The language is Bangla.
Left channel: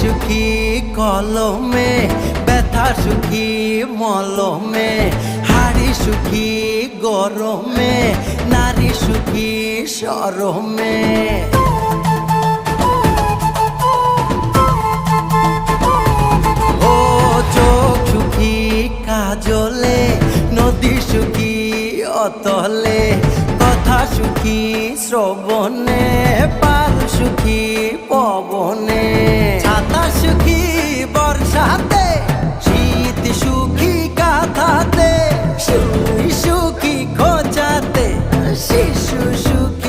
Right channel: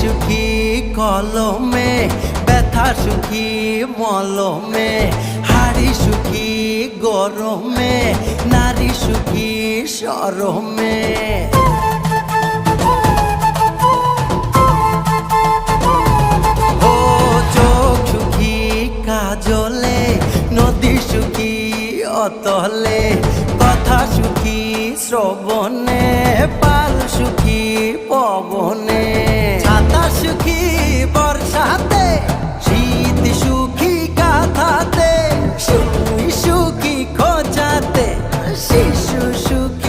সুখী কলমে, ব্যথা সুখী মলমে, হাড়ি সুখী গরমে, নারী সুখী শরমে। ও চোখ সুখী কাজলে, নদী সুখী অতলে, কথা সুখী শ্রবণে, পাল সুখী পবনে, ছাতা সুখী বর্ষাতে, শীত সুখী কাঁথাতে, সুই সুখী খোঁচাতে, শিশু সুখী